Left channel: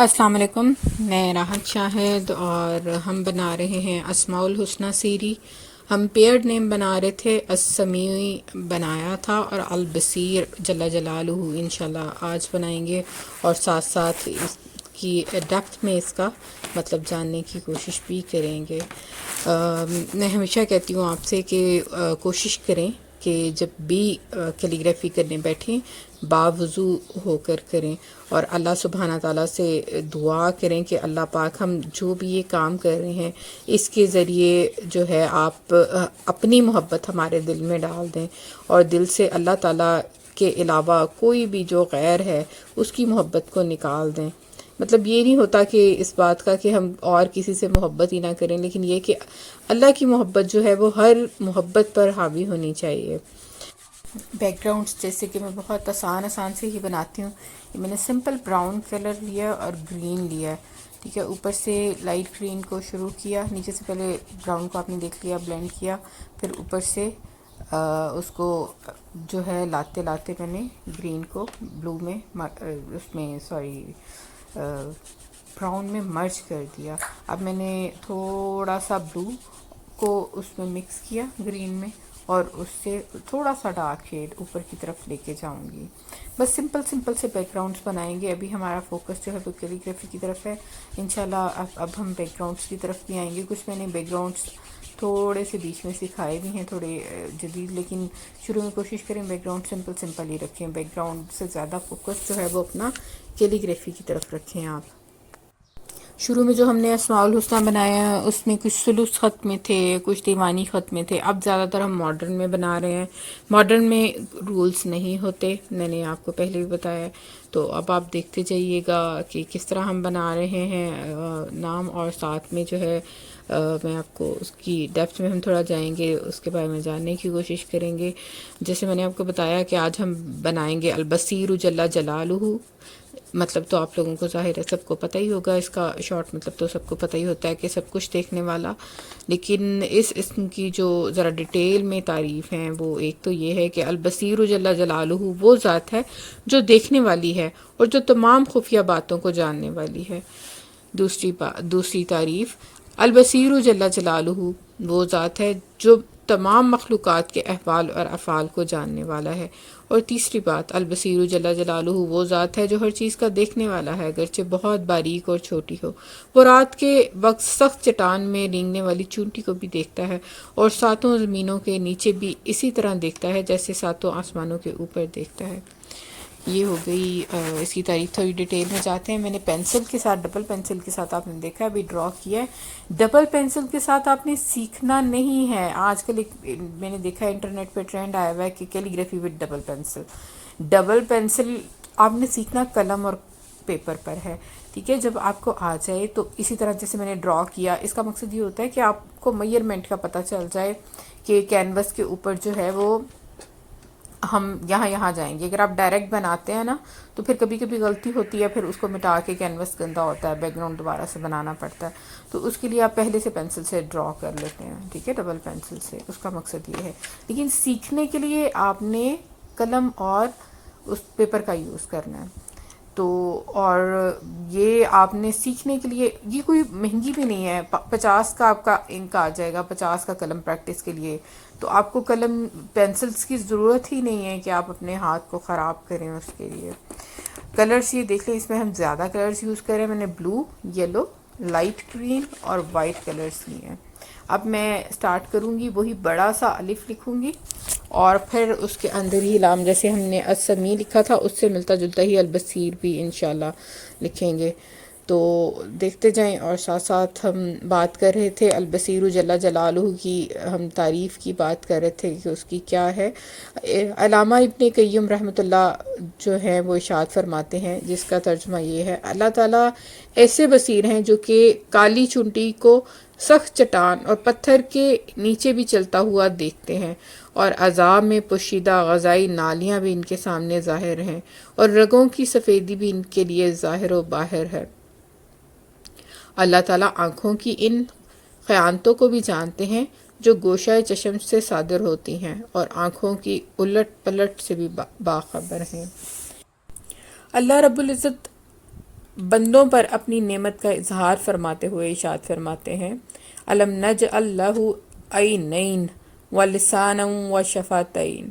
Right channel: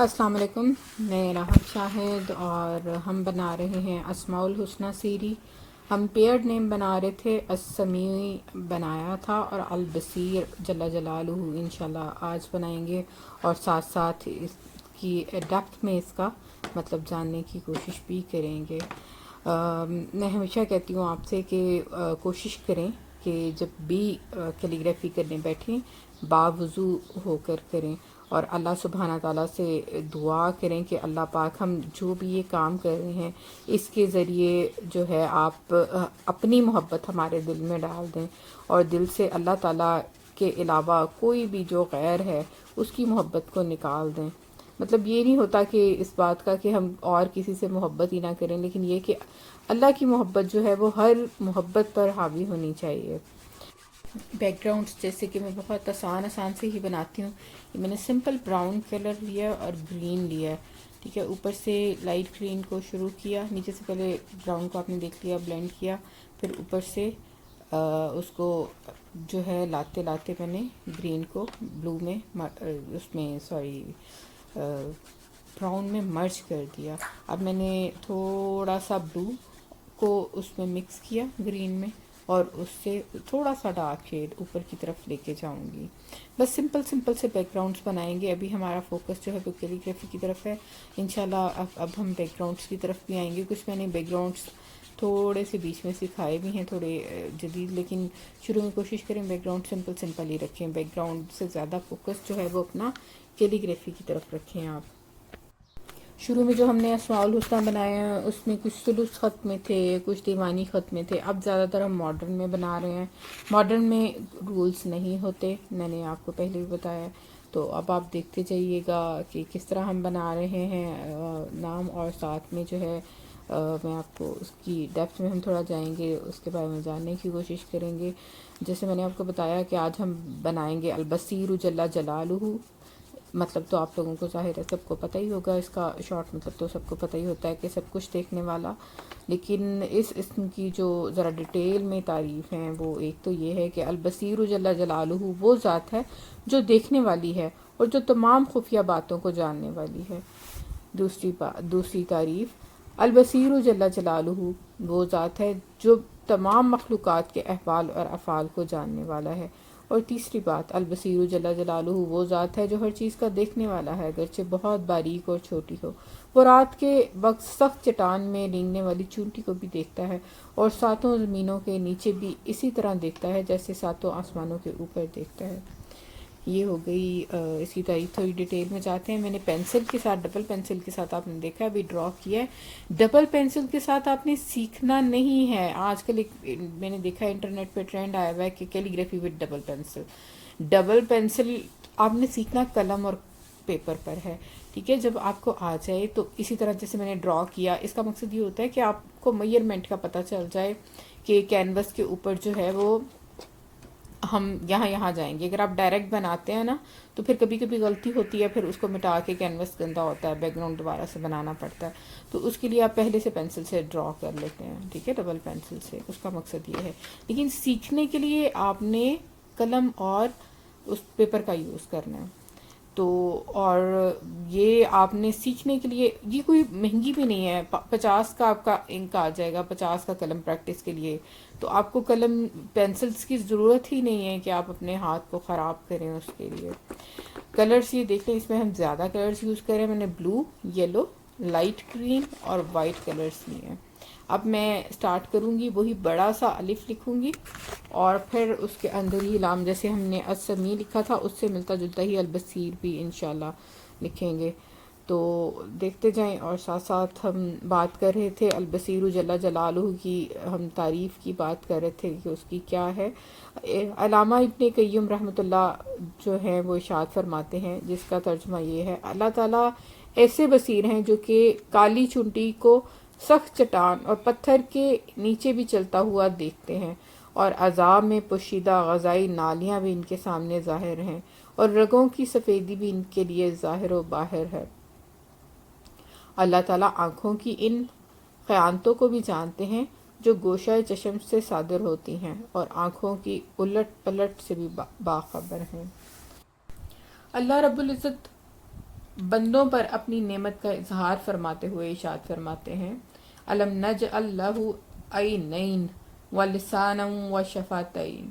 السلام علیکم، میں راحت شاہد اور ہم بنا رہے ہیں اسماء الحسنہ سیری۔ ہم پیئرڈ نیم بنا رہے تھے، السمیع بنایا تھا اور البصیر جل جلالہ انشاءاللہ آج بنائیں گے، اور ساتھ ساتھ اس کی ڈیپتھ میں اس کا مطلب جاننے کی کوشش بھی کریں گے۔ میں ہمیشہ کہتی ہوں آپ سے کہ کوشش کریں کہ جب بھی کیلیگرافی کرنے بیٹھیں باوضو ہو کر کریں، اور اللہ سبحانہ تعالیٰ سے دعا کریں کہ اللہ پاک ہم جو بھی یہ کام کر رہے ہیں اس کے ذریعے جو ہے آپ اپنی محبت ہمارے دل میں ڈال دیں، اور دل سے اللہ تعالیٰ کے علاوہ کوئی بھی جو غیر ہے اس کی محبت کو نکال دیں۔ مطلب یہ نہیں ہوتا کہ اس بات کا کہ ہم اور کسی سے محبت ہی نہ کریں، لیکن یہ کہ اللہ کی محبت جو ہے وہ ہر محبت پر حاوی ہونی چاہیے۔ بیک گراؤنڈس جیسے کہ میں بہت آسان سے ہی بناتی ہوں، میں نے سمپل براؤن کلر لیا اور گرین لیا، ٹھیک ہے۔ اوپر سے لائٹ گرین کو شروع کیا، نیچے سے پہلے براؤن کو آپ نے دیکھ لیا، بلینڈ کیا، پھر اوپر سے اس کو جو ہے لاتے میں نے گرین کو بلو میں اس میں براؤن میں مرج کر دیا۔ اب میں نے تھوڑا سا بلو کو اس میں مکس کیا گرین میں، اور اس سے تھوڑا سا ڈارک شیڈ اوپر کی طرف لے کے جاؤں گی۔ بس سمپل سے بیک گراؤنڈس بنائیں گے۔ ابھی ہمارا فوکس جو ہے وہ کیلیگرافی کی طرف ہے انشاءاللہ۔ اب ہم بیک گراؤنڈس کی طرف بھی آئیں گے۔ کچھ میں نے بیک گراؤنڈس تھوڑے سے بیچ میں سکھائے بھی ہیں، تھوڑے جدید، لیکن شروع میں کوشش کریں بیک گراؤنڈ سمپل ہی رکھیں۔ بیک گراؤنڈ سے زیادہ فوکس جو ہے وہ اپنا کیلیگرافی کی طرف رکھیں آپ۔ شروع میں جو ہم نے اسماء الحسنہ بنایا ہے اس میں کچھ سلوس خط میں تھے، کچھ دیوانی خط میں تھے۔ اب زیادہ تر ہم ماڈرن میں بنا رہے ہیں۔ ماڈرن میں رولز نہیں ہوتے، میں نے آپ کو پہلے بھی بتایا، تو اب آپ دیکھتے جائیے گا کہ کس طرح ہم بنا رہے ہیں نام، اور ساتھ میں جو ہے میں آپ کو اس کی ڈیپتھ میں ہم تھوڑا جائیں گے، اس کے بارے میں جاننے کی کوشش کریں گے۔ جیسے میں نے آپ کو بتایا کہ آج ہم بنائیں گے البصیر جل جلالہ، مطلب تو آپ لوگوں کو ظاہر ہے سب کو پتہ ہی ہوگا، اس کا شارٹ مطلب تو سب کو پتہ ہی ہوتا ہے کہ سب کچھ دیکھنے والا، لیکن اس اسم کی جو ذرا ڈیٹیل میں تعریف ہیں وہ ایک تو یہ ہے کہ البصیر جل جلالہ وہ ذات ہے جو دیکھنے والی ہے اور جو تمام خفیہ باتوں کو جاننے والی ہے۔ دوسری تعریف، البصیر جل جلالہ وہ ذات ہے جو تمام مخلوقات کے احوال اور افعال کو جاننے والا ہے۔ اور تیسری بات، البصیر جل جلالہ وہ ذات ہے جو ہر چیز کا دیکھنے والا ہے، اگرچہ بہت باریک اور چھوٹی ہو۔ وہ رات کے وقت سخت چٹان میں رینگنے والی چونٹی کو بھی دیکھتا ہے، اور ساتوں زمینوں کے نیچے بھی اسی طرح دیکھتا ہے جیسے ساتوں آسمانوں کے اوپر دیکھتا ہے۔ یہ ہو گئی اس کی تعریف۔ تھوڑی ڈیٹیل میں جاتے ہیں۔ میں نے پینسل کے ساتھ، ڈبل پینسل کے ساتھ آپ نے دیکھا ابھی ڈرا کیا ہے۔ ڈبل پینسل کے ساتھ آپ نے سیکھنا نہیں ہے۔ آج کل میں نے دیکھا انٹرنیٹ پہ ٹرینڈ آیا ہوا ہے کہ calligraphy with double pencil. Double pencil آپ نے سیکھنا قلم اور پیپر پر ہے، ٹھیک ہے۔ جب آپ کو آ جائے تو اسی طرح جیسے میں نے ڈرا کیا، اس کا مقصد یہ ہوتا ہے کہ آپ کو میئرمنٹ کا پتہ چل جائے کہ کینوس کے اوپر جو ہے وہ ہم یہاں جائیں گے۔ اگر آپ ڈائریکٹ بناتے ہیں نا تو پھر کبھی غلطی ہوتی ہے، پھر اس کو مٹا کے کینوس گندا ہوتا ہے، بیک گراؤنڈ دوبارہ سے بنانا پڑتا ہے۔ تو اس کے لیے آپ پہلے سے پینسل سے ڈرا کر لیتے ہیں، ٹھیک ہے، ڈبل پینسل سے، اس کا مقصد یہ ہے۔ لیکن سیکھنے کے لیے آپ نے قلم اور اس پیپر کا یوز کرنا ہے۔ تو اور یہ آپ نے سیکھنے کے لیے، یہ کوئی مہنگی بھی نہیں ہے، 50 کا آپ کا انک آ جائے گا، 50 کا قلم پریکٹس کے لیے۔ تو آپ کو قلم پینسلز کی ضرورت ہی نہیں ہے کہ آپ اپنے ہاتھ کو خراب کریں اس کے لیے۔ کلرز یہ دیکھ لیں، اس میں ہم زیادہ کلرز یوز کریں۔ میں نے بلو، یلو، لائٹ گرین اور وائٹ کلرز لیے ہیں۔ اب میں سٹارٹ کروں گی، وہی بڑا سا الف لکھوں گی، اور پھر اس کے اندر ہی لام، جیسے ہم نے السمیع لکھا تھا اس سے ملتا جلتا ہی البصیر بھی انشاءاللہ لکھیں گے۔ تو دیکھتے جائیں، اور ساتھ ساتھ ہم بات کر رہے تھے البصیر جل جلالہ کی، ہم تعریف کی بات کر رہے تھے کہ اس کی کیا ہے۔ علامہ ابن قیم رحمۃ اللہ جو ہیں وہ ارشاد فرماتے ہیں، جس کا ترجمہ یہ ہے، اللہ تعالیٰ ایسے بصیر ہیں جو کہ کالی چونٹی کو سخت چٹان اور پتھر کے نیچے بھی چلتا ہوا دیکھتے ہیں، اور عذاب میں پوشیدہ غذائی نالیاں بھی ان کے سامنے ظاہر ہیں، اور رگوں کی سفیدی بھی ان کے لیے ظاہر و باہر ہے۔ اللہ تعالیٰ آنکھوں کی ان خیانتوں کو بھی جانتے ہیں جو گوشہ چشم سے صادر ہوتی ہیں، اور آنکھوں کی الٹ پلٹ سے بھی باخبر ہیں۔ اللہ رب العزت بندوں پر اپنی نعمت کا اظہار فرماتے ہوئے ارشاد فرماتے ہیں الم نجعل لہ عینین ولسانا وشفتین۔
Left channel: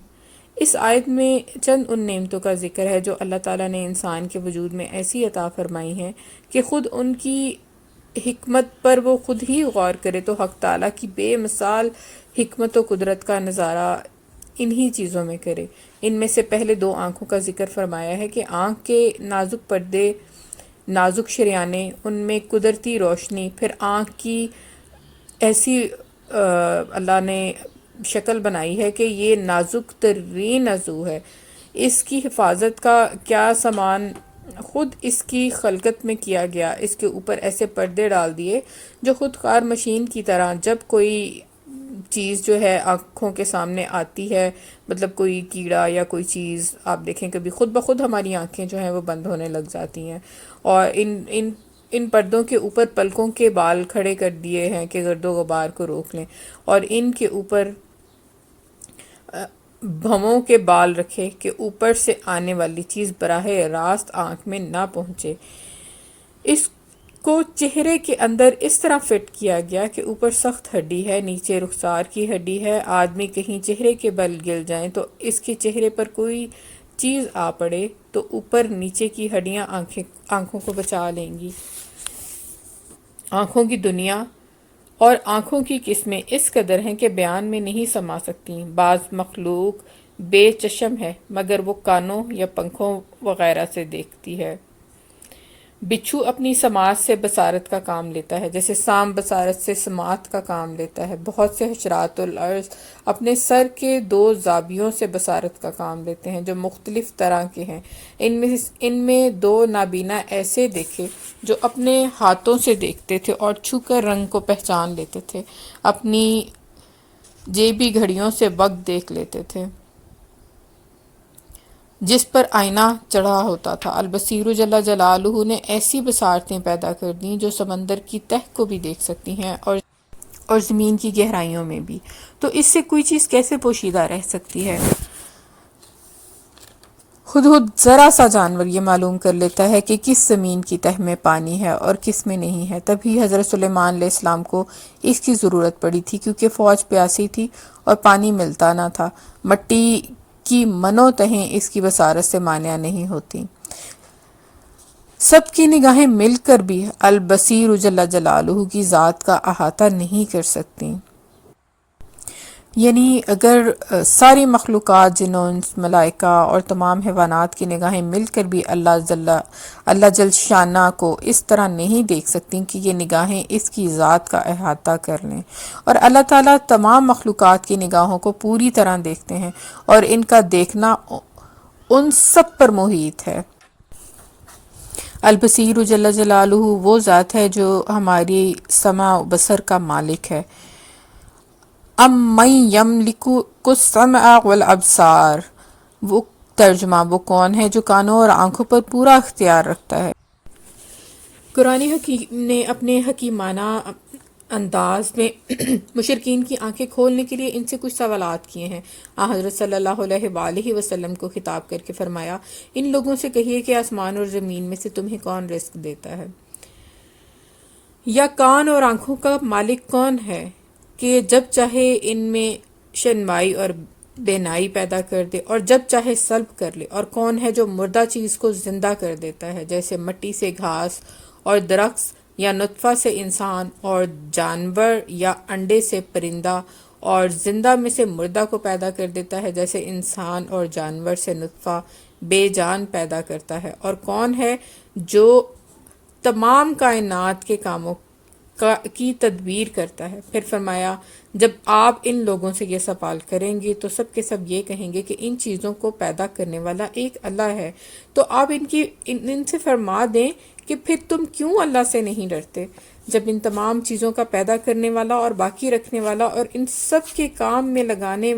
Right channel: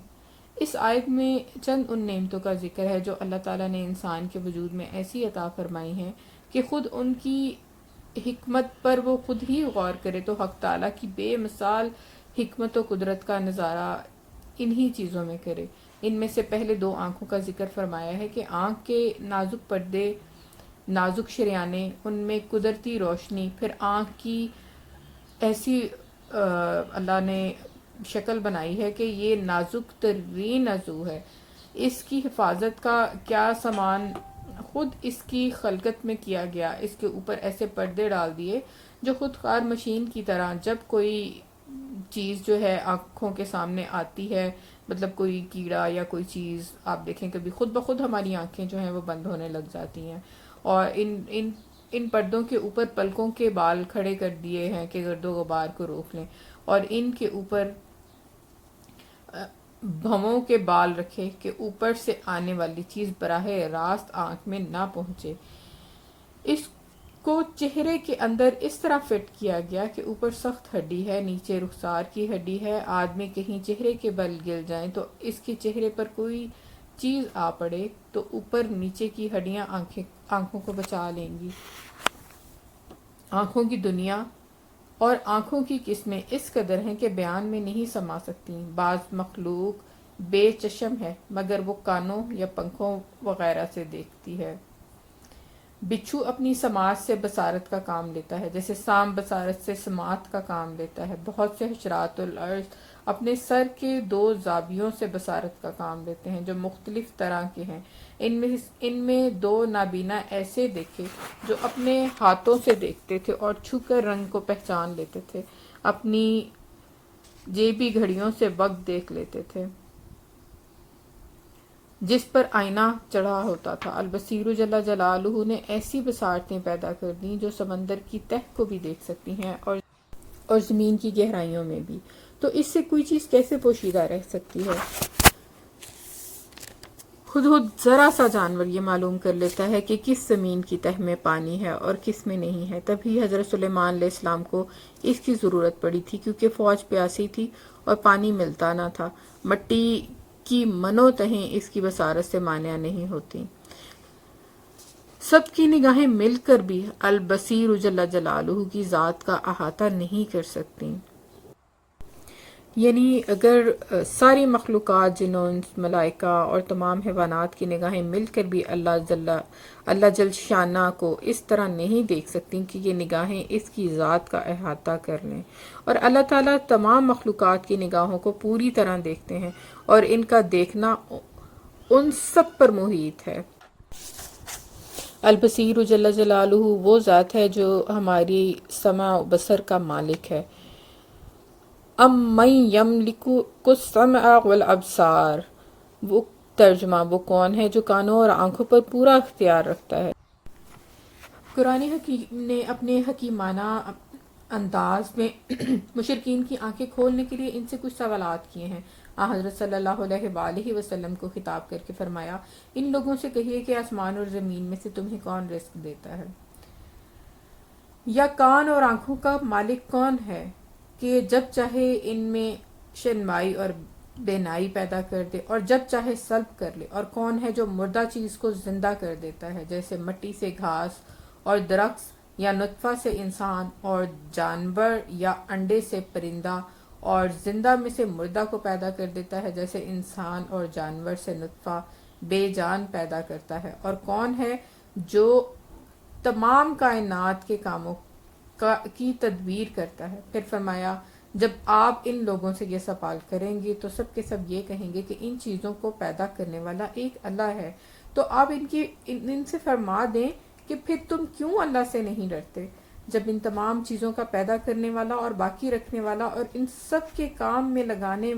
اس آیت میں چند ان نعمتوں کا ذکر ہے جو اللہ تعالیٰ نے انسان کے وجود میں ایسی عطا فرمائی ہیں کہ خود ان کی حکمت پر وہ خود ہی غور کرے تو حق تعالیٰ کی بے مثال حکمت و قدرت کا نظارہ انہی چیزوں میں کرے۔ ان میں سے پہلے دو آنکھوں کا ذکر فرمایا ہے کہ آنکھ کے نازک پردے، نازک شریانے، ان میں قدرتی روشنی، پھر آنکھ کی ایسی اللہ نے شکل بنائی ہے کہ یہ نازک ترین عضو ہے، اس کی حفاظت کا کیا سامان خود اس کی خلقت میں کیا گیا، اس کے اوپر ایسے پردے ڈال دیے جو خود کار مشین کی طرح جب کوئی چیز جو ہے آنکھوں کے سامنے آتی ہے، مطلب کوئی کیڑا یا کوئی چیز آپ دیکھیں کبھی خود بخود ہماری آنکھیں جو ہیں وہ بند ہونے لگ جاتی ہیں، اور ان پردوں کے اوپر پلکوں کے بال کھڑے کر دیے ہیں کہ گرد و غبار کو روک لیں، اور ان کے اوپر بھووں کے بال رکھے کہ اوپر سے آنے والی چیز براہ راست آنکھ میں نہ پہنچے۔ اس کو چہرے کے اندر اس طرح فٹ کیا گیا کہ اوپر سخت ہڈی ہے، نیچے رخسار کی ہڈی ہے، آدمی کہیں چہرے کے بل گر جائیں تو اس کے چہرے پر کوئی چیز آ پڑے تو اوپر نیچے کی ہڈیاں آنکھوں کو بچا لیں گی۔ آنکھوں کی دنیا اور آنکھوں کی قسمیں اس قدر ہیں کہ بیان میں نہیں سما سکتی۔ بعض مخلوق بے چشم ہے مگر وہ کانوں یا پنکھوں وغیرہ سے دیکھتی ہے۔ بچھو اپنی سماعت سے بصارت کا کام لیتا ہے، جیسے سام بصارت سے سماعت کا کام لیتا ہے۔ بہت سے حشرات الارض اپنے سر کے دو زاویوں سے بصارت کا کام لیتے ہیں جو مختلف طرح کے ہیں۔ ان میں دو نابینا ایسے دیکھے جو اپنے ہاتھوں سے دیکھتے تھے اور چھو کر رنگ کو پہچان لیتے تھے، اپنی جیبی گھڑیوں سے وقت دیکھ لیتے تھے جس پر آئینہ چڑھا ہوتا تھا۔ البصیر جل جلالہ نے ایسی بصارتیں پیدا کر دیں جو سمندر کی تہ کو بھی دیکھ سکتی ہیں اور زمین کی گہرائیوں میں بھی، تو اس سے کوئی چیز کیسے پوشیدہ رہ سکتی ہے؟ خود ذرا سا جانور یہ معلوم کر لیتا ہے کہ کس زمین کی تہ میں پانی ہے اور کس میں نہیں ہے۔ تبھی حضرت سلیمان علیہ السلام کو اس کی ضرورت پڑی تھی کیونکہ فوج پیاسی تھی اور پانی ملتا نہ تھا۔ مٹی کی منو تہیں اس کی بصارت سے مانع نہیں ہوتی۔ سب کی نگاہیں مل کر بھی البصیر جل جلالہ کی ذات کا احاطہ نہیں کر سکتی۔ یعنی اگر ساری مخلوقات، جن و انس، ملائکہ اور تمام حیوانات کی نگاہیں مل کر بھی اللہ جل شانہ کو اس طرح نہیں دیکھ سکتی کہ یہ نگاہیں اس کی ذات کا احاطہ کر لیں، اور اللہ تعالیٰ تمام مخلوقات کی نگاہوں کو پوری طرح دیکھتے ہیں اور ان کا دیکھنا ان سب پر محیط ہے۔ البصیر جل جلالہ وہ ذات ہے جو ہماری سمع و بصر کا مالک ہے۔ من یملک السمع والابصار، وہ ترجمہ وہ کون ہے جو کانوں اور آنکھوں پر پورا اختیار رکھتا ہے۔ قرآن حکیم نے اپنے حکیمانہ انداز میں مشرکین کی آنکھیں کھولنے کے لیے ان سے کچھ سوالات کیے ہیں۔ حضرت صلی اللہ علیہ وآلہ وسلم کو خطاب کر کے فرمایا، ان لوگوں سے کہیے کہ آسمان اور زمین میں سے تمہیں کون رزق دیتا ہے، یا کان اور آنکھوں کا مالک کون ہے کہ جب چاہے ان میں شنوائی اور بینائی پیدا کر دے اور جب چاہے سلب کر لے، اور کون ہے جو مردہ چیز کو زندہ کر دیتا ہے، جیسے مٹی سے گھاس اور درخت، یا نطفہ سے انسان اور جانور، یا انڈے سے پرندہ، اور زندہ میں سے مردہ کو پیدا کر دیتا ہے جیسے انسان اور جانور سے نطفہ بے جان پیدا کرتا ہے، اور کون ہے جو تمام کائنات کے کاموں کی تدبیر کرتا ہے۔ پھر فرمایا، جب آپ ان لوگوں سے یہ سوال کریں گے تو سب کے سب یہ کہیں گے کہ ان چیزوں کو پیدا کرنے والا ایک اللہ ہے، تو آپ ان سے فرما دیں کہ پھر تم کیوں اللہ سے نہیں ڈرتے، جب ان تمام چیزوں کا پیدا کرنے والا اور باقی رکھنے والا اور ان سب کے کام میں لگانے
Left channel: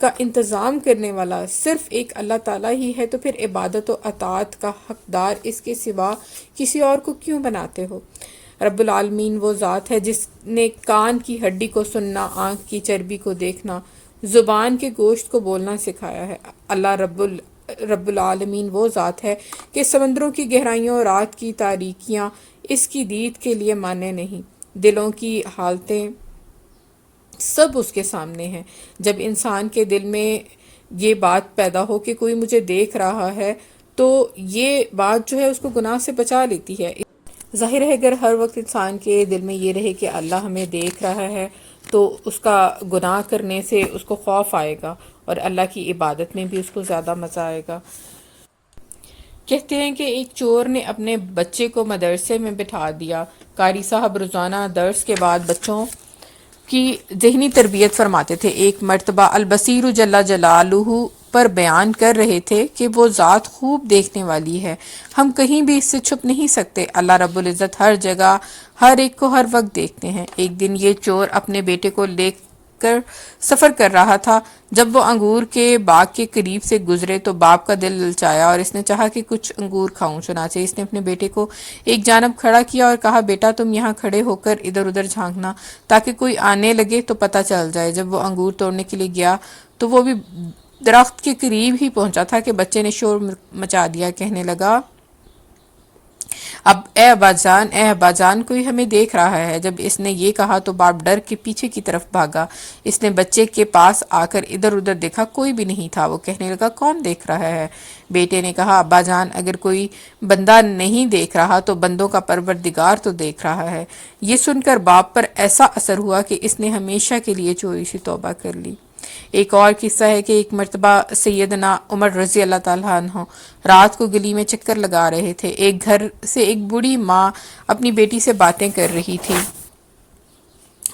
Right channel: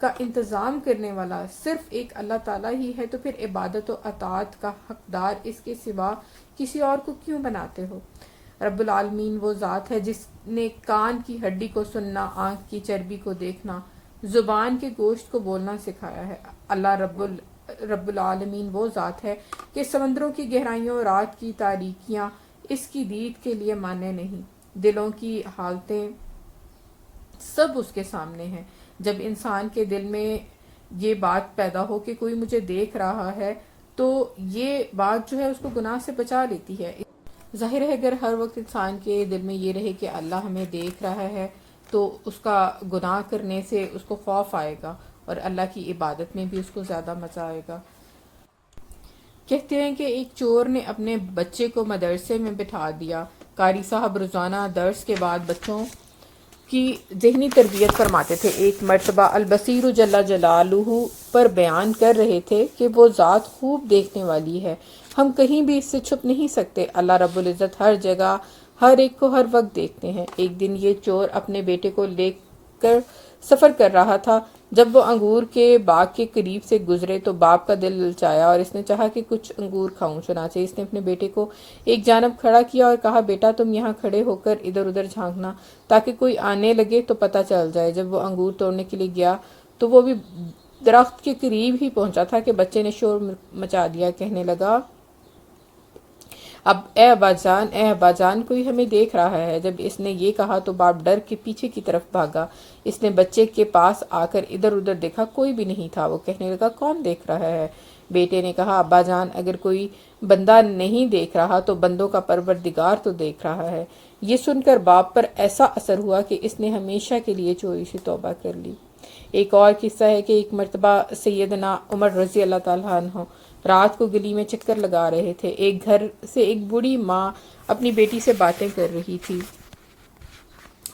کا انتظام کرنے والا صرف ایک اللہ تعالیٰ ہی ہے، تو پھر عبادت و اطاعت کا حقدار اس کے سوا کسی اور کو کیوں بناتے ہو؟ رب العالمین وہ ذات ہے جس نے کان کی ہڈی کو سننا، آنکھ کی چربی کو دیکھنا، زبان کے گوشت کو بولنا سکھایا ہے۔ اللہ رب رب العالمین وہ ذات ہے کہ سمندروں کی گہرائیوں اور رات کی تاریکیاں اس کی دید کے لیے مانے نہیں، دلوں کی حالتیں سب اس کے سامنے ہیں۔ جب انسان کے دل میں یہ بات پیدا ہو کہ کوئی مجھے دیکھ رہا ہے تو یہ بات جو ہے اس کو گناہ سے بچا لیتی ہے۔ ظاہر ہے اگر ہر وقت انسان کے دل میں یہ رہے کہ اللہ ہمیں دیکھ رہا ہے تو اس کا گناہ کرنے سے اس کو خوف آئے گا اور اللہ کی عبادت میں بھی اس کو زیادہ مزہ آئے گا۔ کہتے ہیں کہ ایک چور نے اپنے بچے کو مدرسے میں بٹھا دیا۔ قاری صاحب روزانہ درس کے بعد بچوں کی ذہنی تربیت فرماتے تھے۔ ایک مرتبہ البصیر جل جلالہ پر بیان کر رہے تھے کہ وہ ذات خوب دیکھنے والی ہے، ہم کہیں بھی اس سے چھپ نہیں سکتے۔ اللہ رب العزت ہر جگہ ہر ایک کو ہر وقت دیکھتے ہیں۔ ایک دن یہ چور اپنے بیٹے کو لے کر سفر کر رہا تھا۔ جب وہ انگور کے باغ کے قریب سے گزرے تو باپ کا دل للچایا اور اس نے چاہا کہ کچھ انگور کھاؤں، چنانچہ اس نے اپنے بیٹے کو ایک جانب کھڑا کیا اور کہا، بیٹا تم یہاں کھڑے ہو کر ادھر ادھر جھانکنا تاکہ کوئی آنے لگے تو پتہ چل جائے۔ جب وہ انگور توڑنے کے لیے گیا تو وہ بھی درخت کے قریب ہی پہنچا تھا کہ بچے نے شور مچا دیا، کہنے لگا، اب اے ابا جان کوئی ہمیں دیکھ رہا ہے۔ جب اس نے یہ کہا تو باپ ڈر کے پیچھے کی طرف بھاگا۔ اس نے بچے کے پاس آ کر ادھر ادھر دیکھا، کوئی بھی نہیں تھا۔ وہ کہنے لگا، کون دیکھ رہا ہے؟ بیٹے نے کہا، ابا جان اگر کوئی بندہ نہیں دیکھ رہا تو بندوں کا پروردگار تو دیکھ رہا ہے۔ یہ سن کر باپ پر ایسا اثر ہوا کہ اس نے ہمیشہ کے لیے چوری سے توبہ کر لی۔ ایک اور قصہ ہے کہ ایک مرتبہ سیدنا عمر رضی اللہ تعالیٰ عنہ رات کو گلی میں چکر لگا رہے تھے۔ ایک گھر سے ایک بوڑھی ماں اپنی بیٹی سے باتیں کر رہی تھی۔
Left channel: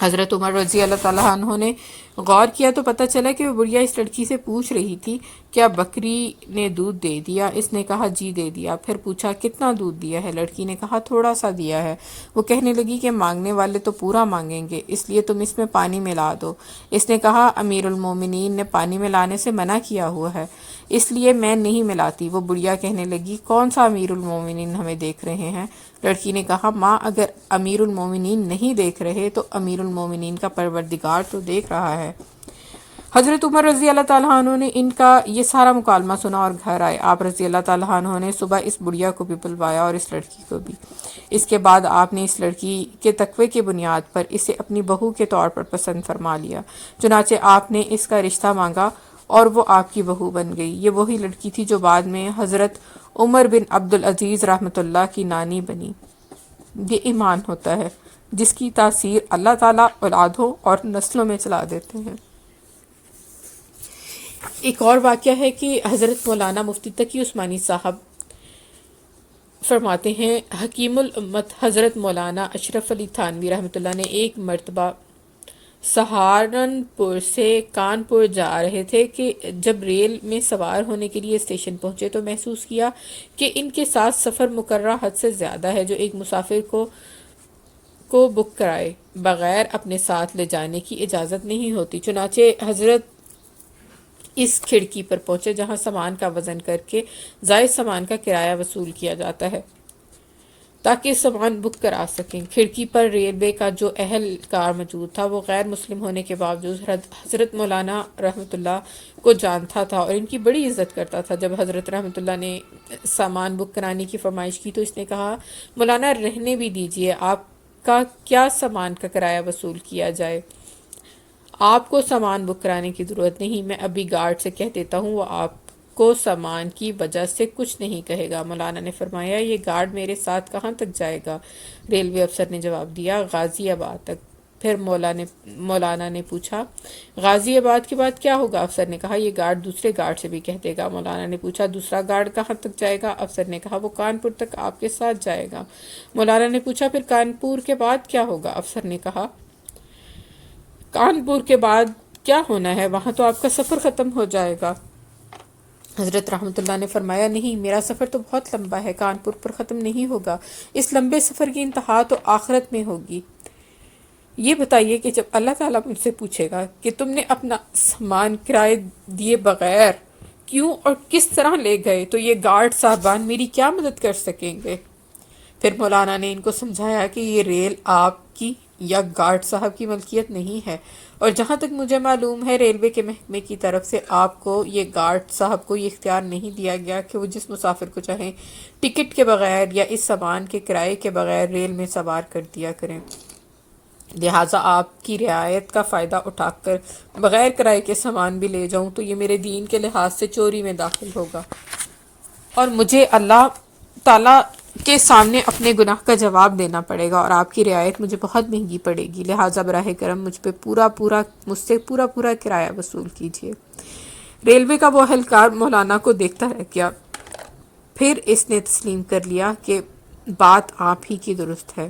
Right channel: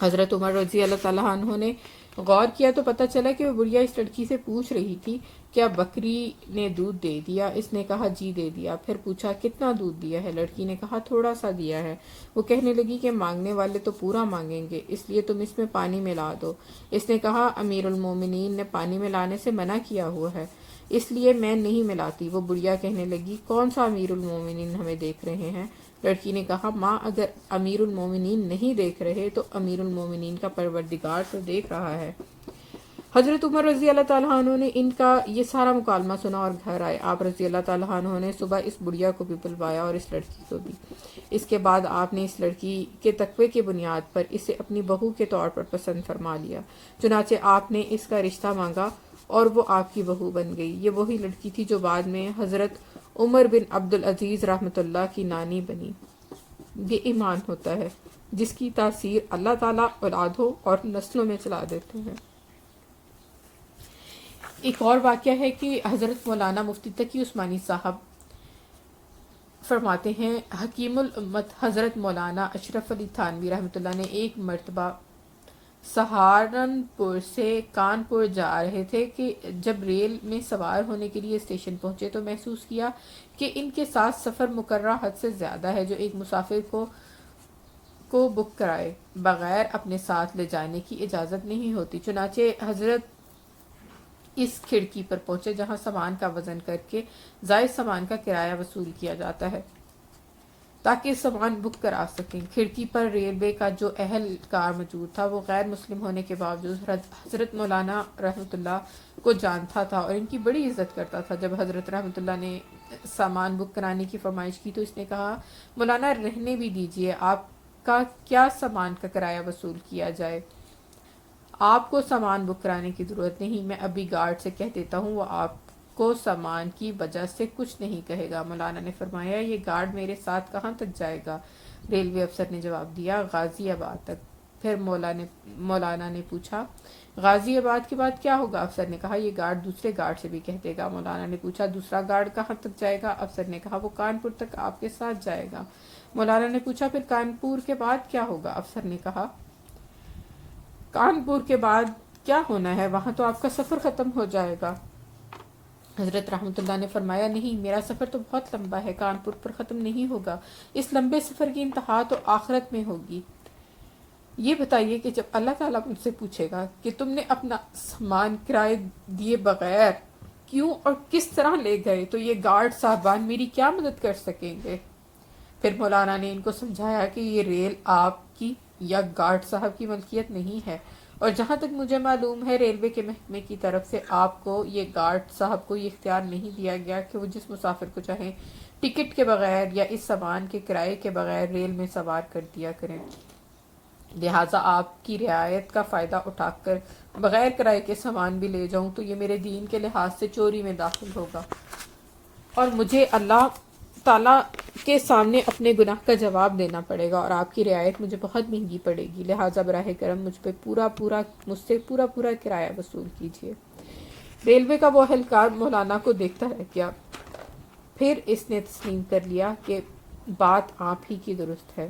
حضرت عمر رضی اللہ تعالیٰ عنہ نے غور کیا تو پتہ چلا کہ وہ بڑھیا اس لڑکی سے پوچھ رہی تھی، کیا بکری نے دودھ دے دیا؟ اس نے کہا، جی دے دیا۔ پھر پوچھا، کتنا دودھ دیا ہے؟ لڑکی نے کہا، تھوڑا سا دیا ہے۔ وہ کہنے لگی کہ مانگنے والے تو پورا مانگیں گے، اس لیے تم اس میں پانی ملا دو۔ اس نے کہا، امیر المومنین نے پانی ملانے سے منع کیا ہوا ہے، اس لیے میں نہیں ملاتی۔ وہ بڑھیا کہنے لگی، کون سا امیر المومنین ہمیں دیکھ رہے ہیں؟ لڑکی نے کہا، ماں اگر امیر المومنین نہیں دیکھ رہے تو امیر المومنین کا پروردگار تو دیکھ رہا ہے۔ حضرت عمر رضی اللہ تعالیٰ عنہ نے ان کا یہ سارا مکالمہ سنا اور گھر آئے۔ آپ رضی اللہ تعالیٰ عنہ نے صبح اس بڑھیا کو بھی بلوایا اور اس لڑکی کو بھی۔ اس کے بعد آپ نے اس لڑکی کے تقوی کی بنیاد پر اسے اپنی بہو کے طور پر پسند فرما لیا، چنانچہ آپ نے اس کا رشتہ مانگا اور وہ آپ کی بہو بن گئی۔ یہ وہی لڑکی تھی جو بعد میں حضرت عمر بن عبدالعزیز رحمۃ اللہ کی نانی بنی۔ یہ ایمان ہوتا ہے جس کی تاثیر اللہ تعالیٰ اولادوں اور نسلوں میں چلا دیتے ہیں۔ ایک اور واقعہ ہے کہ حضرت مولانا مفتی تقی عثمانی صاحب فرماتے ہیں، حکیم الامت حضرت مولانا اشرف علی تھانوی رحمۃ اللہ نے ایک مرتبہ سہارنپور سے کانپور جا رہے تھے کہ جب ریل میں سوار ہونے کے لیے اسٹیشن پہنچے تو محسوس کیا کہ ان کے ساتھ سفر مقررہ حد سے زیادہ ہے، جو ایک مسافر کو بک کرائے بغیر اپنے ساتھ لے جانے کی اجازت نہیں ہوتی۔ چنانچہ حضرت اس کھڑکی پر پہنچے جہاں سامان کا وزن کر کے زائد سامان کا کرایہ وصول کیا جاتا ہے تاکہ سامان بک کرا سکیں۔ کھڑکی پر ریلوے کا جو اہلکار موجود تھا وہ غیر مسلم ہونے کے باوجود حضرت مولانا رحمۃ اللہ کو جانتا تھا اور ان کی بڑی عزت کرتا تھا۔ جب حضرت رحمۃ اللہ نے سامان بک کرانے کی فرمائش کی تو اس نے کہا، مولانا رہنے بھی دیجئے، آپ کا کیا سامان کا کرایہ وصول کیا جائے؟ آپ کو سامان بک کرانے کی ضرورت نہیں، میں ابھی گارڈ سے کہہ دیتا ہوں، وہ آپ کو سامان کی وجہ سے کچھ نہیں کہے گا۔ مولانا نے فرمایا، یہ گارڈ میرے ساتھ کہاں تک جائے گا؟ ریلوے افسر نے جواب دیا، غازی آباد تک۔ پھر مولانا نے پوچھا، غازی آباد کے بعد کیا ہوگا؟ افسر نے کہا، یہ گارڈ دوسرے گارڈ سے بھی کہہ دے گا۔ مولانا نے پوچھا، دوسرا گارڈ کہاں تک جائے گا؟ افسر نے کہا، وہ کانپور تک آپ کے ساتھ جائے گا۔ مولانا نے پوچھا، پھر کانپور کے بعد کیا ہوگا؟ افسر نے کہا، کانپور کے بعد کیا ہونا ہے، وہاں تو آپ کا سفر ختم ہو جائے گا۔ حضرت رحمۃ اللہ نے فرمایا، نہیں، میرا سفر تو بہت لمبا ہے، کانپور پر ختم نہیں ہوگا، اس لمبے سفر کی انتہا تو آخرت میں ہوگی۔ یہ بتائیے کہ جب اللہ تعالیٰ مجھ سے پوچھے گا کہ تم نے اپنا سامان کرائے دیے بغیر کیوں اور کس طرح لے گئے، تو یہ گارڈ صاحبان میری کیا مدد کر سکیں گے؟ پھر مولانا نے ان کو سمجھایا کہ یہ ریل آپ کی یا گارڈ صاحب کی ملکیت نہیں ہے، اور جہاں تک مجھے معلوم ہے ریلوے کے محکمے کی طرف سے آپ کو، یہ گارڈ صاحب کو یہ اختیار نہیں دیا گیا کہ وہ جس مسافر کو چاہیں ٹکٹ کے بغیر یا اس سامان کے کرائے کے بغیر ریل میں سوار کر دیا کریں، لہٰذا آپ کی رعایت کا فائدہ اٹھا کر بغیر کرائے کے سامان بھی لے جاؤں تو یہ میرے دین کے لحاظ سے چوری میں داخل ہوگا، اور مجھے اللہ تعالیٰ کے سامنے اپنے گناہ کا جواب دینا پڑے گا، اور آپ کی رعایت مجھے بہت مہنگی پڑے گی، لہٰذا براہ کرم مجھ سے پورا کرایہ وصول کیجیے۔ ریلوے کا وہ اہلکار مولانا کو دیکھتا رہ گیا، پھر اس نے تسلیم کر لیا کہ بات آپ ہی کی درست ہے۔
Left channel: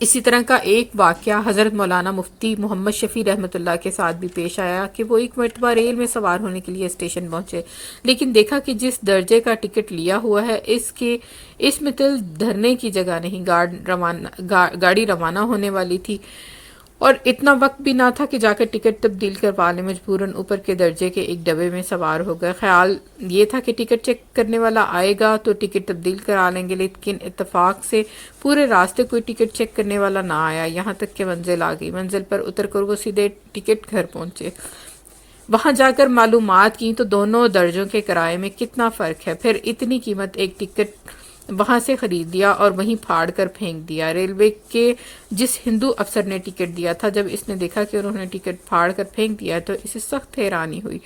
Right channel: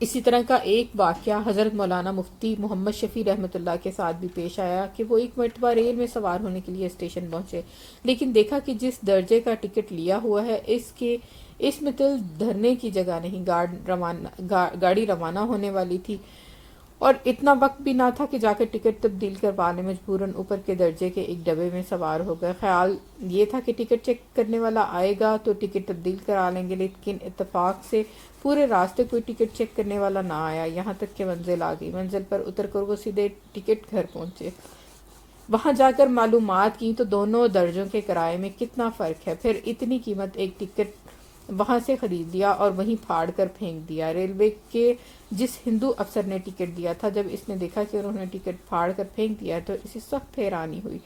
اسی طرح کا ایک واقعہ حضرت مولانا مفتی محمد شفیع رحمۃ اللہ کے ساتھ بھی پیش آیا کہ وہ ایک مرتبہ ریل میں سوار ہونے کے لیے اسٹیشن پہنچے، لیکن دیکھا کہ جس درجے کا ٹکٹ لیا ہوا ہے اس میں تل دھرنے کی جگہ نہیں، گاڑی روانہ ہونے والی تھی، اور اتنا وقت بھی نہ تھا کہ جا کر ٹکٹ تبدیل کروا لیں، مجبوراً اوپر کے درجے کے ایک ڈبے میں سوار ہو گئے۔ خیال یہ تھا کہ ٹکٹ چیک کرنے والا آئے گا تو ٹکٹ تبدیل کرا لیں گے، لیکن اتفاق سے پورے راستے کوئی ٹکٹ چیک کرنے والا نہ آیا، یہاں تک کہ منزل آ گئی۔ منزل پر اتر کر وہ سیدھے ٹکٹ گھر پہنچے، وہاں جا کر معلومات کی تو دونوں درجوں کے کرائے میں کتنا فرق ہے، پھر اتنی قیمت ایک ٹکٹ وہاں سے خرید لیا اور وہیں پھاڑ کر پھینک دیا۔ ریلوے کے جس ہندو افسر نے ٹکٹ دیا تھا، جب اس نے دیکھا کہ انہوں نے ٹکٹ پھاڑ کر پھینک دیا تو اسے سخت حیرانی ہوئی،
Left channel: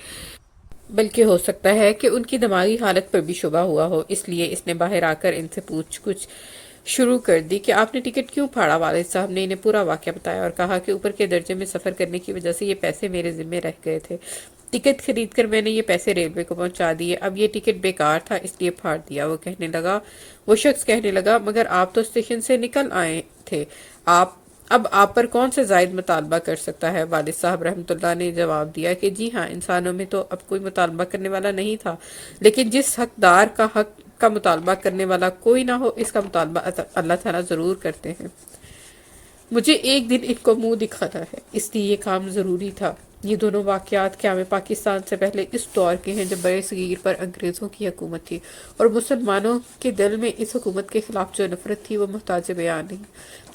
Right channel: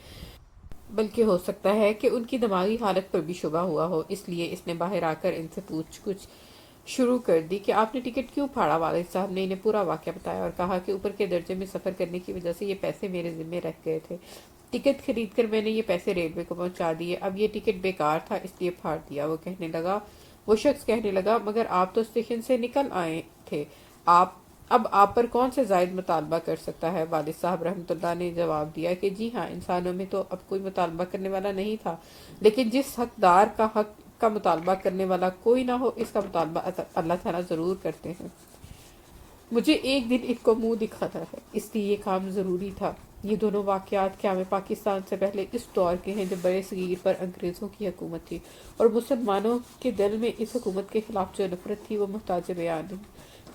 بلکہ ہو سکتا ہے کہ ان کی دماغی حالت پر بھی شبہ ہوا ہو، اس لیے اس نے باہر آ کر ان سے پوچھ گچھ شروع کر دی کہ آپ نے ٹکٹ کیوں پھاڑا۔ والد صاحب نے انہیں پورا واقعہ بتایا اور کہا کہ اوپر کے درجے میں سفر کرنے کی وجہ سے یہ پیسے میرے ذمے رہ گئے تھے، ٹکٹ خرید کر میں نے یہ پیسے ریلوے کو پہنچا دیے، اب یہ ٹکٹ بیکار تھا اس لیے پھاڑ دیا۔ وہ شخص کہنے لگا مگر آپ تو اسٹیشن سے نکل آئے تھے، اب آپ پر کون سے زائد مطالبہ کر سکتا ہے؟ والد صاحب رحمۃ اللہ نے جواب دیا کہ جی ہاں، انسانوں میں تو اب کوئی مطالبہ کرنے والا نہیں تھا، لیکن جس حقدار کا حق کا مطالبہ کرنے والا کوئی نہ ہو، اس کا مطالبہ اللہ تعالیٰ ضرور کرتے ہیں۔ مجھے ایک دن ان کو منہ دکھانا ہے، اس لیے یہ کام ضروری تھا۔ یہ دونوں واقعات قیام پاکستان سے پہلے اس دور کے ہیں جب برِ صغیر پر انگریزوں کی حکومت تھی، اور مسلمانوں کے دل میں اس حکومت کے خلاف جو نفرت تھی وہ محتاج بیان نہیں۔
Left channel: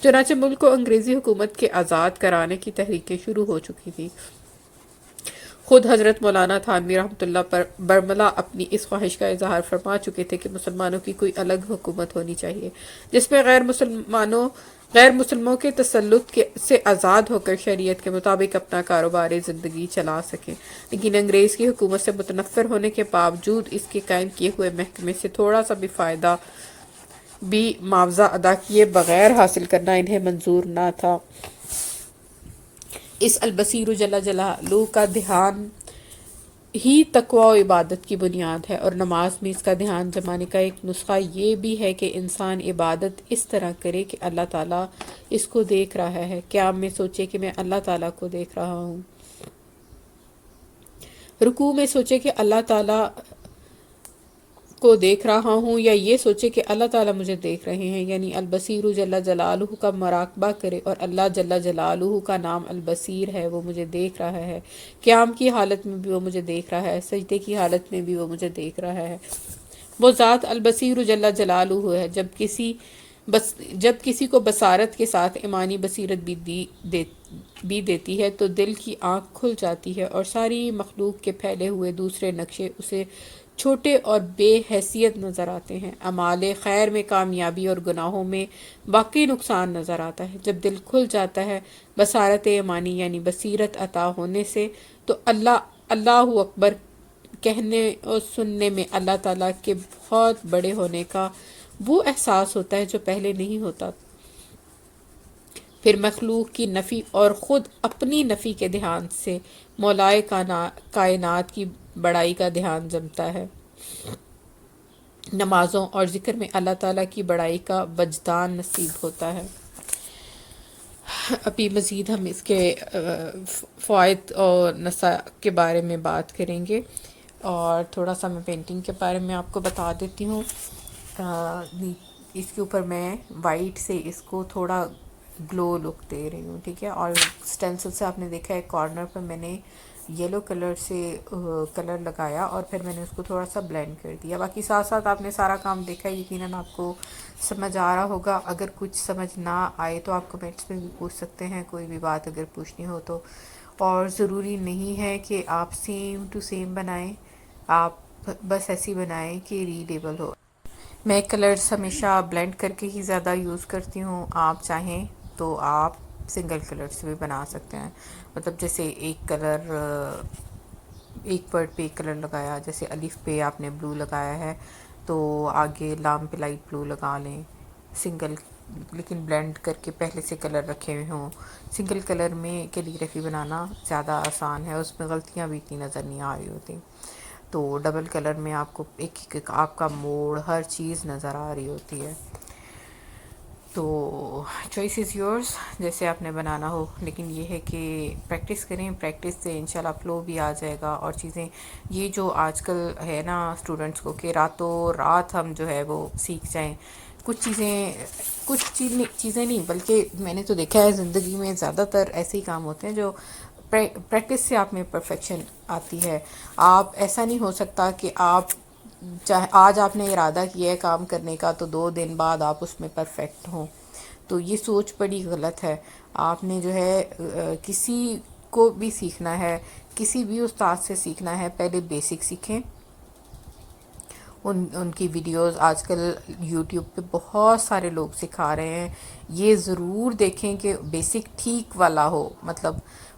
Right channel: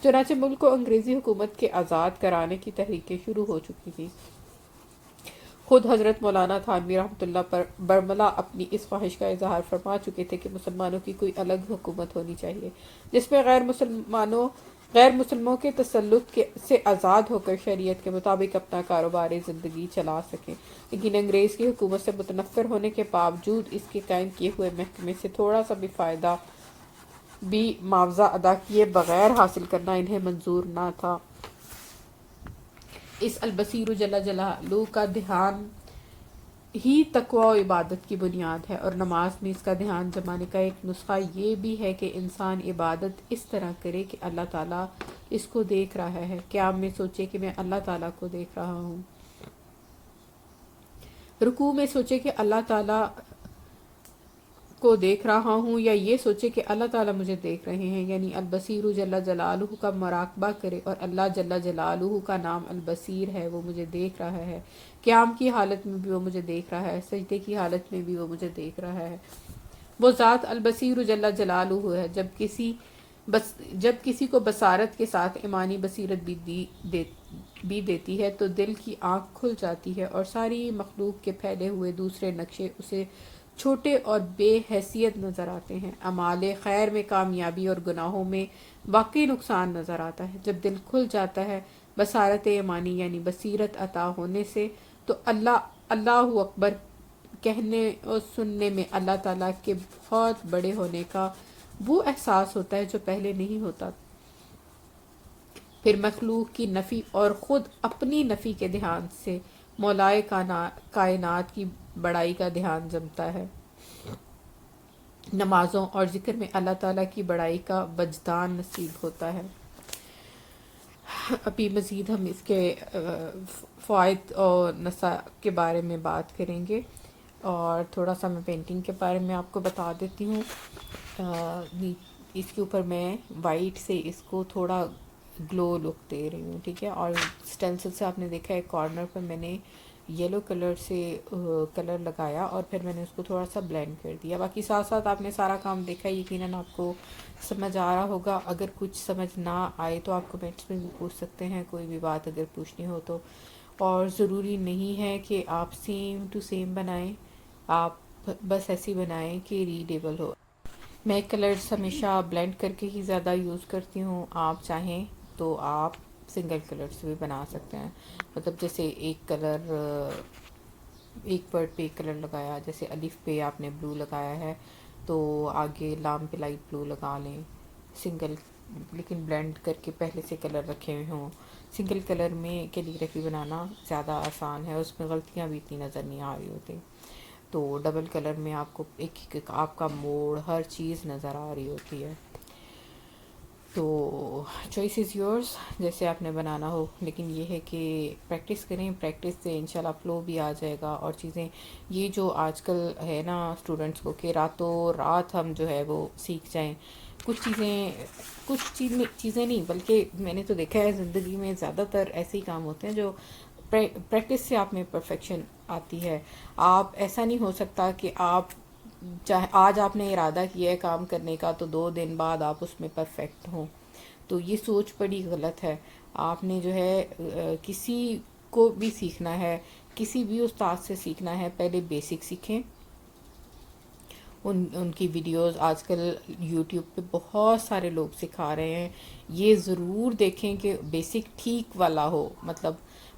چنانچہ ملک کو انگریزی حکومت کے آزاد کرانے کی تحریکیں شروع ہو چکی تھیں۔ خود حضرت مولانا تھانوی رحمۃ اللہ پر برملا اپنی اس خواہش کا اظہار فرما چکے تھے کہ مسلمانوں کی کوئی الگ حکومت ہونی چاہیے جس میں غیر مسلموں کے تسلط سے آزاد ہو کر شریعت کے مطابق اپنا کاروبار زندگی چلا سکیں، لیکن انگریز کی حکومت سے متنفر ہونے کے باوجود اس کے قائم کیے ہوئے محکمے سے تھوڑا سا بھی فائدہ بھی معاوضہ ادا کیے بغیر حاصل کرنا انہیں منظور نہ تھا۔ اس البصیر جل جلالہ کا دھیان ہی تقوی و عبادت کی بنیاد ہے، اور نماز میں اس کا دھیان جمانے کا ایک نسخہ یہ بھی ہے کہ انسان عبادت اس طرح کرے کہ اللہ تعالیٰ اس کو دیکھ رہا ہے۔ قیام میں سوچے کہ میں اللہ تعالیٰ کو دیکھ رہا ہوں، رکوع میں سوچے کہ اللہ تعالیٰ کو دیکھ رہا ہوں، یا یہ سوچے کہ اللہ تعالیٰ مجھے دیکھ رہے ہیں، یعنی البصیر جل جلالہ کا مراقبہ کرے اور اللہ جل جلالہ کا نام البصیر ہے، وہ مجھے دیکھ رہا ہے۔ قیام کی حالت میں بھی وہ مجھے دیکھ رہا ہے، سجدے کی حالت میں بھی وہ مجھے دیکھ رہا ہے۔ وہ ذات البصیر جل جلالہ ہے۔ جب کسی کو بصارت کے ساتھ ایمانی بصیرت بھی دیتی ہے تو دل کی آنکھ کھل جاتی ہے، اور ساری مخلوق کے پھیلے ہوئے دوسرے نقشے اسے چھوٹے اور بے حیثیت نظر آتے ہیں۔ اعمال خیر میں کامیابی اور گناہوں میں واقعی نقصان نظر آتا ہے۔ جب دل کھل جاتا ہے بصارت ایمانی یعنی بصیرت عطا ہونے سے، تو اللہ اکبر کہنے اور سننے میں اللہ تعالیٰ کے بہت بڑے ہونے کا وہ احساس ہوتا ہے جو پہلے نہیں ہوتا۔ پھر مخلوق کی نفی اور خود اپنی نفی کے دھیان سے مولائے کائنات کی بڑائی کا دھیان جمتا ہے۔ نمازوں اور ذکر میں اللہ تعالیٰ کی بڑائی کا وجدان نصیب ہوتا ہے۔ ابھی مزید ہم اس کے فوائد اور نصائح کے بارے میں بات کریں گے، اور تھوڑا سا میں پینٹنگ کے بارے میں آپ کو بتا دیتی ہوں۔ اس کے اوپر میں وائٹ سے اس کو تھوڑا گلو لک دے رہی ہوں، ٹھیک ہے، اور اسٹینسل سے آپ نے دیکھا ہے کارنر پر میں نے یلو کلر سے کلر لگایا اور پھر میں نے اس کو تھوڑا سا بلینڈ کر دیا. باقی ساتھ ساتھ آپ نے سارا کام دیکھا, یقیناً آپ کو سمجھ آ رہا ہوگا. اگر کچھ سمجھ نہ آئے تو آپ کمنٹس میں بھی پوچھ سکتے ہیں, کوئی بھی بات اگر پوچھنی ہو تو. اور ضروری نہیں ہے کہ آپ سیم ٹو سیم بنائیں, آپ بس ایسی بنائیں کہ ریڈیبل ہو. میں کلرز ہمیشہ بلینڈ کر کے ہی زیادہ یوز کرتی ہوں. آپ چاہیں تو آپ سنگل کلر سے بھی بنا سکتے ہیں. مطلب جیسے ایک کلر, ایک ورڈ پہ ایک کلر لگایا, جیسے الف پہ آپ نے بلو لگایا ہے تو آگے لام پہ لائٹ بلو لگا لیں سنگل, لیکن بلینڈ کر کے پہلے سے کلر رکھے ہوئے ہوں. سنگل کلر میں کیلیگرافی بنانا زیادہ آسان ہے, اس میں غلطیاں بھی اتنی نظر نہیں آ رہی ہوتی. تو ڈبل کلر میں آپ کو ایک آپ کا موڑ ہر چیز نظر آ رہی ہوتی ہے. تو چوائس از یورس, جیسے آپ نے بنانا ہو. لیکن یہ ہے کہ پریکٹس کریں, پریکٹس سے انشاءاللہ فلو بھی آ جائے گا. اور چیزیں یہ جو آج کل ہے نا اسٹوڈنٹس کو کہ راتوں رات ہم جو ہے وہ سیکھ جائیں کچھ چیزیں نہیں, بلکہ میں نے تو دیکھا ہے زندگی میں زیادہ تر ایسے ہی کام ہوتے ہیں جو پریکٹس سے آپ میں پرفیکشن آتی ہے. آپ ایسا نہیں ہو سکتا کہ آپ چاہے آج آپ نے ارادہ کیا ہے کام کرنے کا تو 2 دن بعد آپ اس میں پرفیکٹ ہوں. تو یہ سوچ بڑی غلط ہے. آپ نے جو ہے کسی کو بھی سیکھنا ہے, کسی بھی استاد سے سیکھنا ہے, پہلے بیسک سیکھیں. ان کی ویڈیوز آج کل یوٹیوب پہ بہت سارے لوگ سکھا رہے ہیں. یہ ضرور دیکھیں کہ بیسک ٹھیک والا ہو. مطلب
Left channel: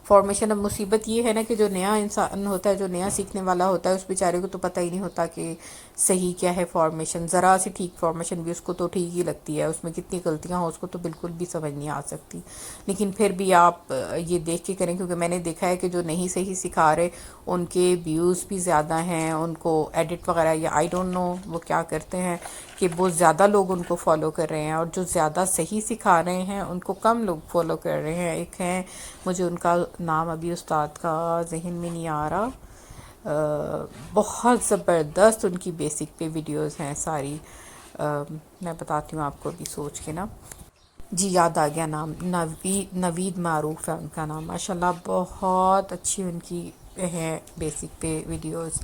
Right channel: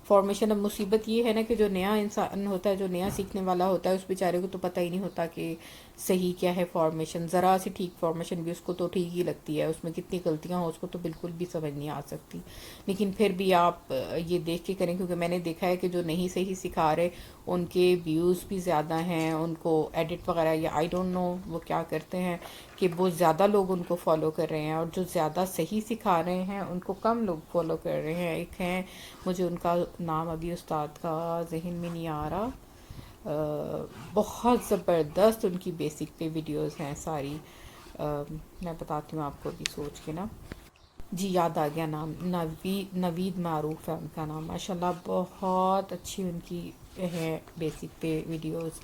فارمیشن, اب مصیبت یہ ہے نا کہ جو نیا انسان ہوتا ہے, جو نیا سیکھنے والا ہوتا ہے, اس بیچارے کو تو پتہ ہی نہیں ہوتا کہ صحیح کیا ہے فارمیشن. ذرا سی ٹھیک فارمیشن بھی اس کو تو ٹھیک ہی لگتی ہے, اس میں کتنی غلطیاں ہوں اس کو تو بالکل بھی سمجھ نہیں آ سکتی. لیکن پھر بھی آپ یہ دیکھ کے کریں, کیونکہ میں نے دیکھا ہے کہ جو نہیں صحیح سکھا رہے ان کے ویوز بھی زیادہ ہیں. ان کو ایڈٹ وغیرہ یا آئی ڈونٹ نو وہ کیا کرتے ہیں کہ بہت زیادہ لوگ ان کو فالو کر رہے ہیں, اور جو زیادہ صحیح سکھا رہے ہیں ان کو کم لوگ فالو کر رہے ہیں. ایک ہیں, مجھے ان کا نام ابھی استاد کا ذہن میں نہیں آ رہا, بہت زبردست ان کی بیسک پہ ویڈیوز ہیں ساری. میں بتاتی ہوں آپ کو ابھی سوچ کے نا, جی یاد آ گیا نام, نوید معروف ہے ان کا نام. ماشاءاللہ بہت اچھی ان کی ہے بیسک پہ ویڈیوز.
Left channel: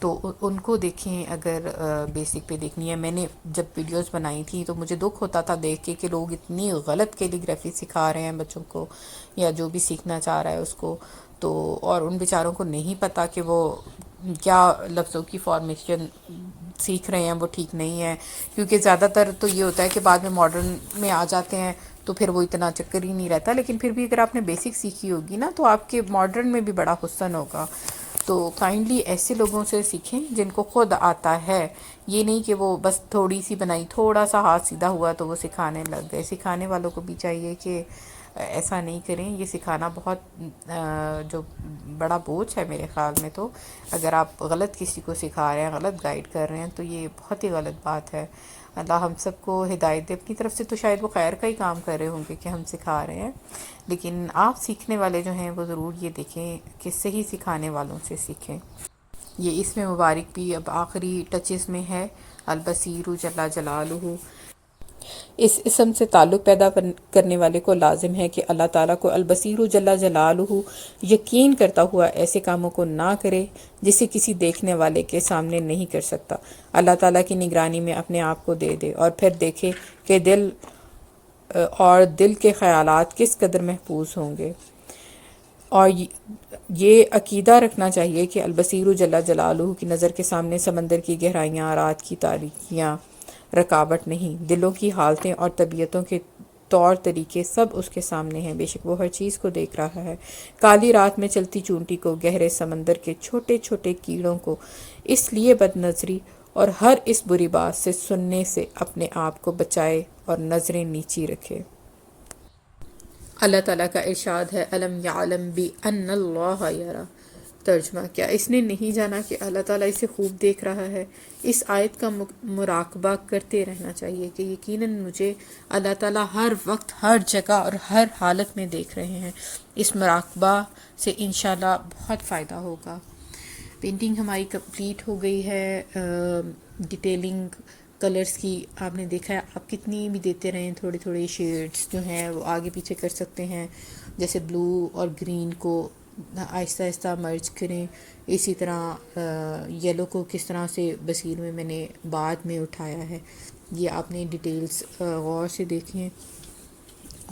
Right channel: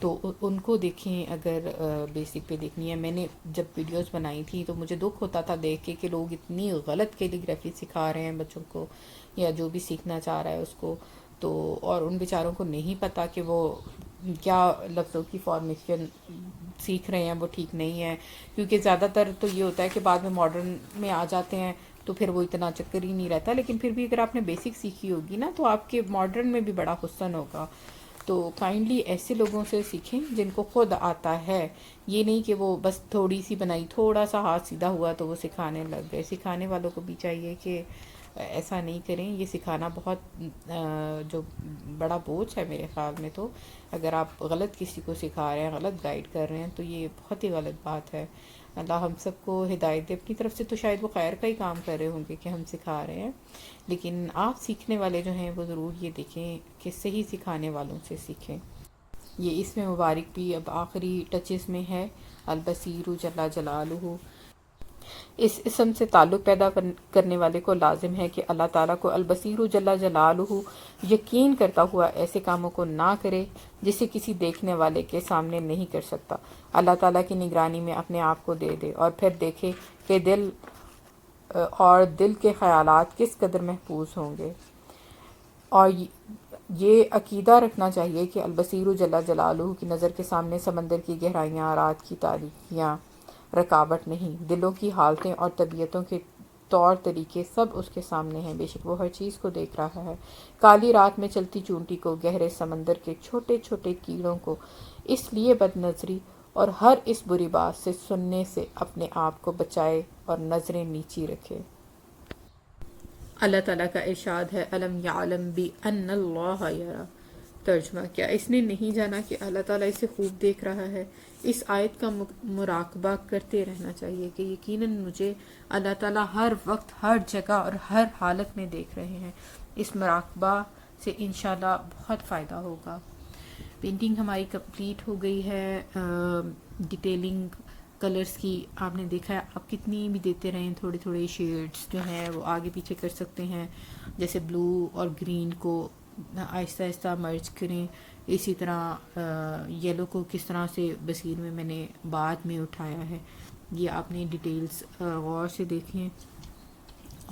تو ان کو دیکھیں اگر بیسک پہ دیکھنی ہے. میں نے جب ویڈیوز بنائی تھی تو مجھے دکھ ہوتا تھا دیکھ کے کہ لوگ اتنی غلط کیلیگرافی سکھا رہے ہیں بچوں کو, یا جو بھی سیکھنا چاہ رہا ہے اس کو. تو اور ان بیچاروں کو نہیں پتہ کہ وہ کیا لفظوں کی فارمیشن سیکھ رہے ہیں وہ ٹھیک نہیں ہے. کیونکہ زیادہ تر تو یہ ہوتا ہے کہ بعد میں ماڈرن میں آ جاتے ہیں تو پھر وہ اتنا چکر ہی نہیں رہتا. لیکن پھر بھی اگر آپ نے بیسک سیکھی ہوگی نا تو آپ کے ماڈرن میں بھی بڑا حسن ہوگا. تو کائنڈلی ایسے لوگوں سے سیکھیں جن کو خود آتا ہے. یہ نہیں کہ وہ بس تھوڑی سی بنائی, تھوڑا سا ہاتھ سیدھا ہوا تو وہ سکھانے لگ گئے. سکھانے والوں کو بھی چاہیے کہ ایسا نہیں کریں. یہ سکھانا بہت جو بڑا بوجھ ہے میرے خیال میں. تو اگر آپ غلط کسی کو سکھا رہے ہیں, غلط گائیڈ کر رہے ہیں, تو یہ بہت ہی غلط بات ہے. اللہ ہم سب کو ہدایت دے. اپنی طرف سے تو شاید وہ خیر کا ہی کام کر رہے ہوں گے کہ ہم سکھا رہے ہیں, لیکن آپ سیکھنے والے جو ہیں وہ ضرور یہ دیکھیں کہ صحیح سکھانے والوں سے سیکھیں. یہ اس میں مبارک بھی اب آخری ٹچز میں ہے, البصیر جل جلالہ. اس اسم سے تعلق پیدا کرنے والے کو لازم ہے کہ اللہ تعالیٰ کو البصیر جل جلالہ یقین کرتا ہوا ایسے کاموں کو نہ کرے جسے کسی دیکھنے والے کے سامنے نہیں کر سکتا. اللہ تعالیٰ کی نگرانی میں اپنے آپ کو دے دے اور پھر دیکھے کہ دل کے خیالات کس قدر محفوظ ہوں گے. اور یہ عقیدہ رکھنا چاہیے کہ البصیر جل جلالہ کی نظر کے سامنے سمندر کی گہرائیاں, رات کی تاریکیاں رکاوٹ نہیں. دلوں کی حالتیں اور طبیعتوں کے طور طریقے سب اس کے سامنے ہیں. بے شک وہ ہر چیز کو دیکھ رہا ہے. کالی رات میں چلتی چونٹی کو, گہرے سمندر کے چھوٹے چھوٹے کیڑوں کو اس لیے بد نظری اور ہر اس بری بات سے سننے سے اپنے آپ کو بچائے اور نظریں نیچی رکھے. اللہ تعالیٰ کا ارشاد ہے, الم یعلم بان اللہ یری. ترجمہ, کیا اس نے نہیں جانا کہ اللہ تعالیٰ اسے خوب دیکھ رہا ہے. اس آیت کا مراقبہ کرتے رہنا چاہیے کہ یقیناً مجھے اللہ تعالیٰ ہر وقت, ہر جگہ اور ہر حالت میں دیکھ رہے ہیں. اس مراقبہ سے انشاءاللہ بہت فائدہ ہوگا. پینٹنگ ہماری کمپلیٹ ہو گئی ہے. ڈیٹیلنگ کلرز کی آپ نے دیکھا ہے, آپ کتنی بھی دیتے رہیں, تھوڑے تھوڑے شیڈز جو ہیں وہ آگے پیچھے کر سکتے ہیں. جیسے بلو اور گرین کو آہستہ آہستہ مرج کریں. اسی طرح یلو کو کس طرح سے بصیر میں نے بعد میں اٹھایا ہے، یہ آپ نے ڈیٹیلز غور سے دیکھیں.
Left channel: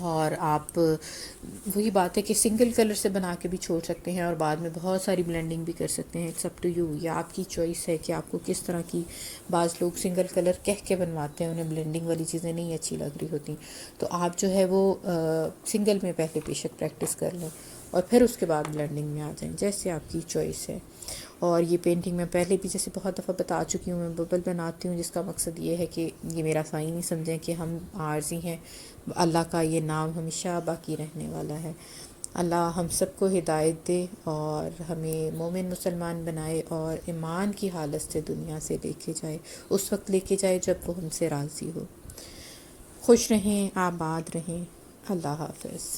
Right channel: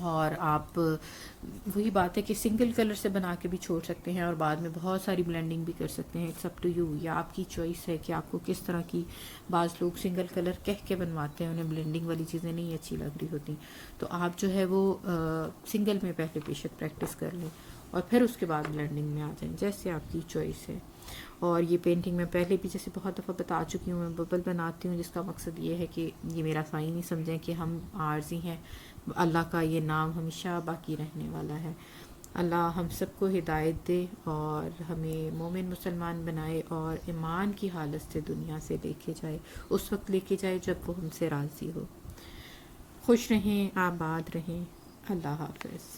اور آپ وہی بات ہے کہ سنگل کلر سے بنا کے بھی چھوڑ سکتے ہیں اور بعد میں بہت ساری بلینڈنگ بھی کر سکتے ہیں. اٹس اپ ٹو یو، یا آپ کی چوائس ہے کہ آپ کو کس طرح کی. بعض لوگ سنگل کلر کہہ کے بنواتے ہیں، انہیں بلینڈنگ والی چیزیں نہیں اچھی لگ رہی ہوتی، تو آپ جو ہے وہ سنگل میں پہلے بے شک پریکٹس کر لیں اور پھر اس کے بعد بلینڈنگ میں آ جائیں، جیسے آپ کی چوائس ہے. اور یہ پینٹنگ میں پہلے بھی جیسے بہت دفعہ بتا چکی ہوں، میں ببل بناتی ہوں جس کا مقصد یہ ہے کہ یہ میرا سائن نہیں سمجھیں کہ ہم عارضی ہیں، اللہ کا یہ نام ہمیشہ باقی رہنے والا ہے. اللہ ہم سب کو ہدایت دے اور ہمیں مومن مسلمان بنائے اور ایمان کی حالت سے دنیا سے لے کے جائے، اس وقت لے کے جائے جب وہ ہم سے راضی ہو. خوش رہیں، آباد رہیں. اللہ حافظ.